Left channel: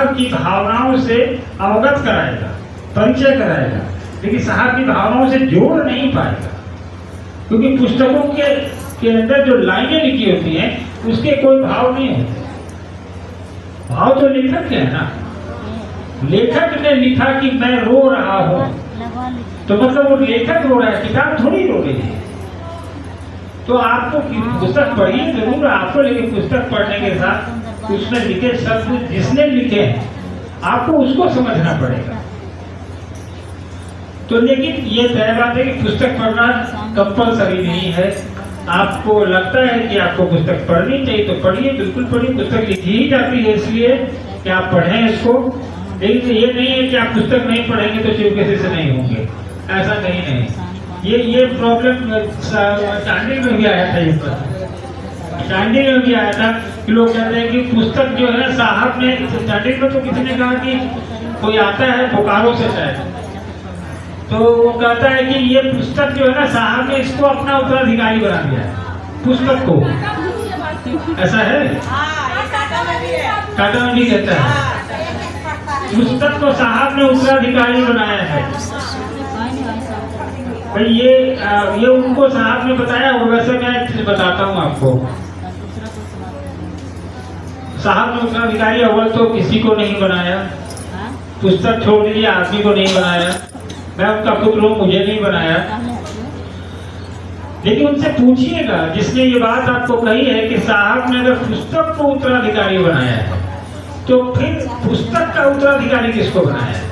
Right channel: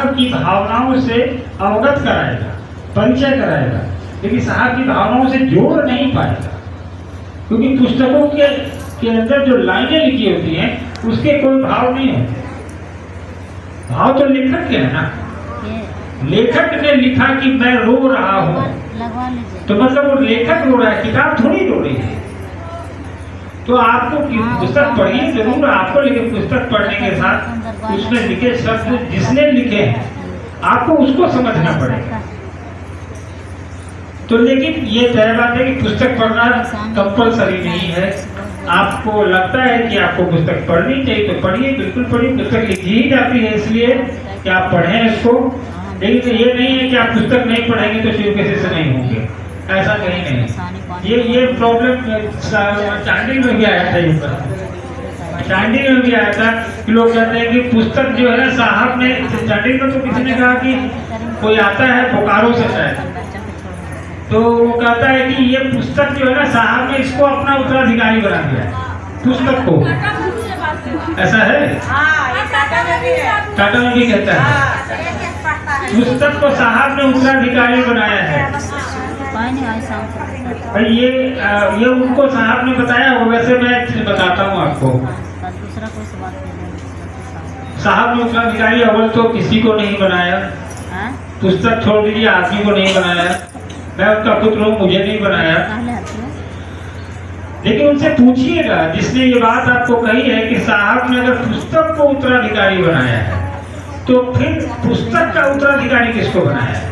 साहब की भावनाओं से अवगत कराएगा, परिचय कराएगा, लेकिन साहब की भावनाओं से जोड़ नहीं पाएगा, क्योंकि पुस्तकों के अंदर जो लाइनें लिखी होती हैं उसके कोई भाव नहीं होते। भाव तो लेखक के है ना। लेखक ने लिखा कि मैं रो रहा हूं, तो मतलब वो लेखक रो रहा है, किताब थोड़ी रो रही है। तो आपको पुस्तक पढ़िए जरूर आपको, लेकिन पुस्तक पढ़ने के साथ उसमें लिखे शब्द जिसने लिखे आपको उसको समझना पड़ेगा। तो लेकिन ये तय बात है कि पुस्तक पढ़ना कंपलसरी नहीं है। आपको लगता है कि आपको पुस्तक पढ़नी चाहिए तो पढ़िए, बिल्कुल पढ़िए। पुस्तक लिखी ही जाती है इसलिए कि आप पढ़ें इसको, लेकिन ये नहीं है कि आप पुस्तक नहीं पढ़ेंगे तो चुपके से नहीं होंगे, ऐसा कहीं नहीं। ये प्रॉब्लम चांडिल में भी आया था। ये चांडिल में भी आया था कि लोग कहते हैं कि पुस्तक जो है ना, साहब ने चांडिल को तो किसी ने कहा कि कोई आता है बोकारो से शायद, तो वो कहता है कि ये पुस्तक जो है ना, साहब ने इसको अपना उत्तराधिकारी बना दिया पुस्तक को। ऐसा है, टाटा में भी कहता है पुस्तक को साहब ने उत्तराधिकारी बनाया है। भाई ये उनको साहब ने बताया हो, वैसे मैं बताता हूँ आपको। साहब ने उत्तराधिकारी अव्वल तो किसी को नहीं बनाया, पुस्तक छोड़ दीजिए आदमी को नहीं बनाया, मैं उनका पुत्र हूँ, मुझे नहीं बनाया। लेकिन उनसे पूछिएगा जिसने ये बात आपको कही है कि साहब ने अगर पुस्तक को उत्तराधिकारी बनाया है तो फिर पुस्तक का उत्तराधिकारी किसको बनाया है?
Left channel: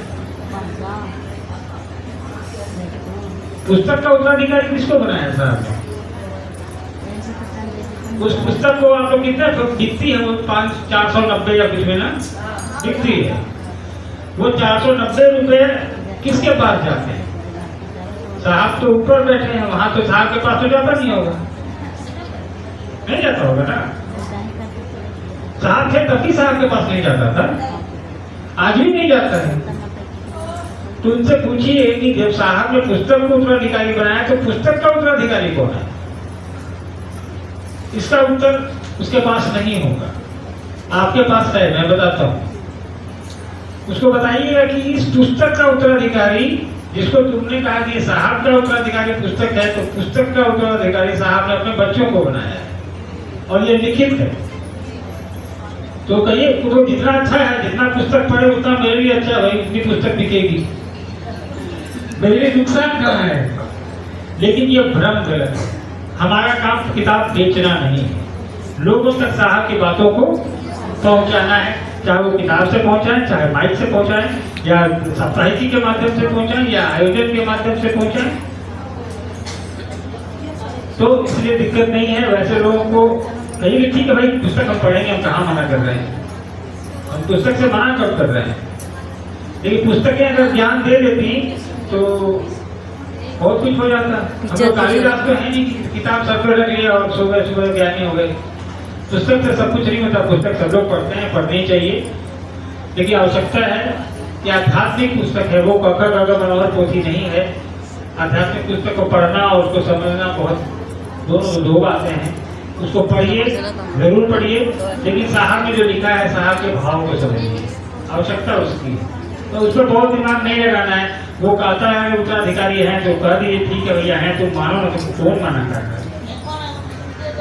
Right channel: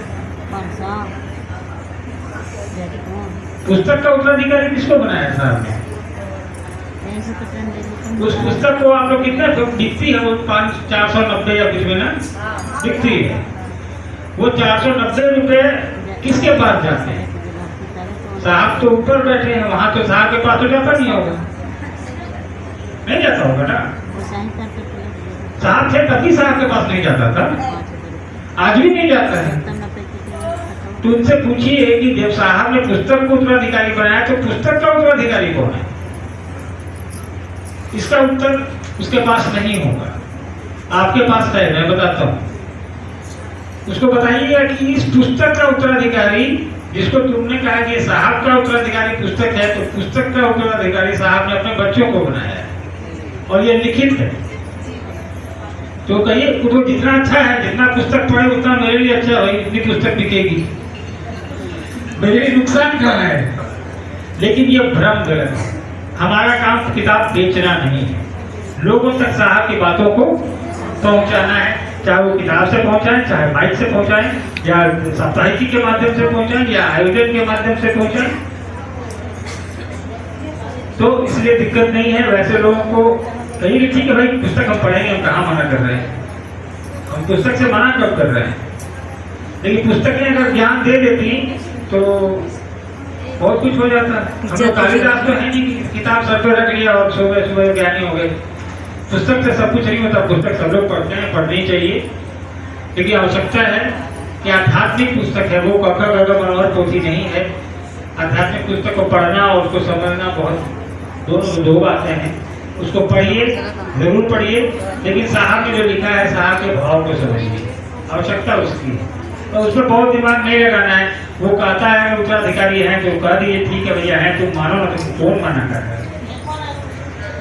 पुस्तक का उत्तराधिकारी किसको बनाया साहब ने? उस पुस्तक को आप लोग कितना दिखती है, वो 490 या कुछ में ना दिखती है, वो 490 रुपए किसके पास जाते हैं? साहब तो ऊपर बैठे हैं, वहां तो साहब के पास तो जाता नहीं होगा, नहीं जाता होगा ना। साहब थे तभी साहब के पास नहीं जाता था, आज भी नहीं जाता है। तो उनसे पूछिए कि जब साहब ने पुस्तक को उत्तराधिकारी बनाया तो पुस्तक का उत्तराधिकारी कौन है? इसका उत्तर उसके पास नहीं होगा, आपके पास है, मैं बताता हूँ। उसको बताइएगा कि इस पुस्तक का उत्तराधिकारी जिसको तुमने कहा कि साहब का उत्तराधिकारी पुस्तक है, तो पुस्तक का उत्तराधिकारी साहब ने अपने बच्चों को बनाया है और ये लिखित है। तो कहिए तो जितना अच्छा है, जितना पुस्तक पढ़े उतना मेरे लिए अच्छा है, उतनी पुस्तक बिकेगी, मेरे लिए नुकसान कहाँ है? लेकिन ये भ्रम गलत है। हमारा काम किताब बेचना नहीं है, लोगों तक साहब की बातों को पहुंचाना है, चाहे वो किताब से पहुंचाएं, चाहे माइक से पहुंचाएं, या साप्ताहिकी के माध्यम से पहुंचाएं, या आयोजन के माध्यम से पहुंचाएं। तो इसलिए दिक्कत नहीं है। वैसे लोगों को कहीं लिखी कि भाई पुस्तक हम पढ़ेंगे, हम कहाँ मना कर रहे हैं, हम पुस्तक से मना कब कर रहे हैं? लेकिन पुस्तकें अगर ज्ञान दे देती तो बहुत कुछ हो जाता है। हम लोग कालिदास तो है नहीं कि किताब सर पे रख लिया और सुबह सुबह ज्ञानी हो गए। पुस्तक से सब कुछ नहीं होता, पुस्तक सब लोग पढ़ते हैं, पढ़नी चाहिए, लेकिन आवश्यकता है कि आध्यात्मिक पुस्तक है, वो कग मनोहर पोथी नहीं है। आध्यात्मिक पुस्तक को पढ़ना और उसको समझना बहुत दो बातें हैं। उसको पढ़िए, जरूर पढ़िए, लेकिन साहब ने जो लिखा है साहब के भाव को समझिए, आवश्यकता उसकी है। तो उस पर बहुत दिमाग नहीं लगाना है। वो कहता है उत्तराधिकारी है तो कह दिए ठीक है भैया है, तुम मानो ना, तुम कौन माना कर रहा है?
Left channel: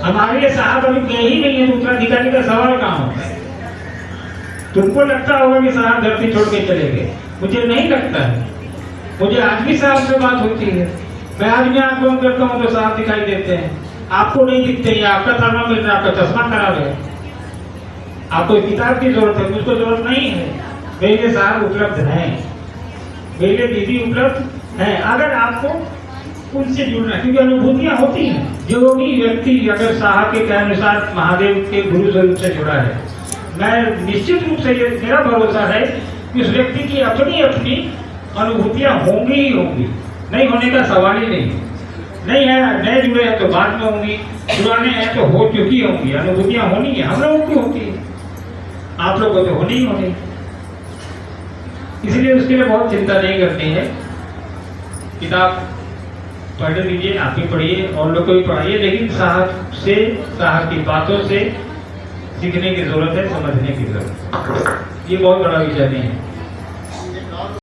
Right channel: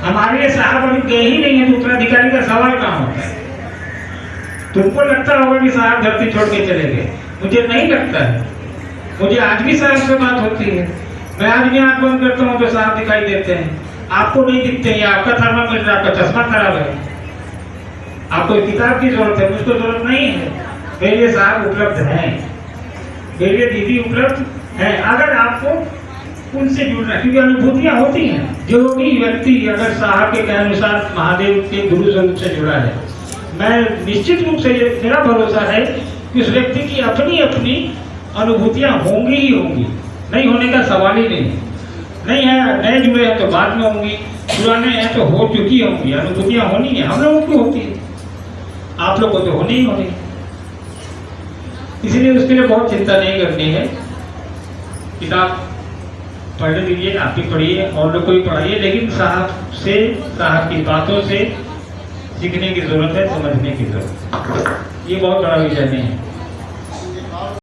हमारे लिए साहब अभी गए ही नहीं है तो उत्तराधिकारी का सवाल कहाँ होता है? तुमको लगता होगा कि साहब धरती छोड़ के चले गए, मुझे नहीं लगता है। मुझे आज भी साहब से बात होती है, मैं आज भी आंख बंद करता हूँ तो साहब दिखाई देते हैं। आपको नहीं दिखते हैं, आपका थर्मामीटर, आपका चश्मा खराब है, आपको किताब की जरूरत है, मुझको जरूरत नहीं है। मेरे लिए साहब उपलब्ध हैं, मेरे लिए दीदी उपलब्ध है। अगर आपको उनसे जुड़ना, क्योंकि अनुभूतियां होती हैं। जो भी व्यक्ति अगर साहब के अनुसार महादेव के गुरु स्वरूप से जुड़ा है, मैं निश्चित रूप से मेरा भरोसा है कि उस व्यक्ति की अपनी अपनी अनुभूतियां होंगी ही होंगी, नहीं होने का सवाल ही नहीं है। नए जुड़े हैं तो बाद में होंगी, पुराने हैं तो हो चुकी होंगी, अनुभूतियां होनी है, हम लोगों की होती है, आप लोगों को तो होनी ही होनी। इसलिए उसके लिए बहुत चिंता नहीं करनी है। किताब पढ़ लीजिए, आप भी पढ़िए, और लोग को भी पढ़ाइए, लेकिन साहब से, साहब की बातों से सीखने की जरूरत है, समझने की जरूरत है। ये बहुत बड़ा विषय नहीं है।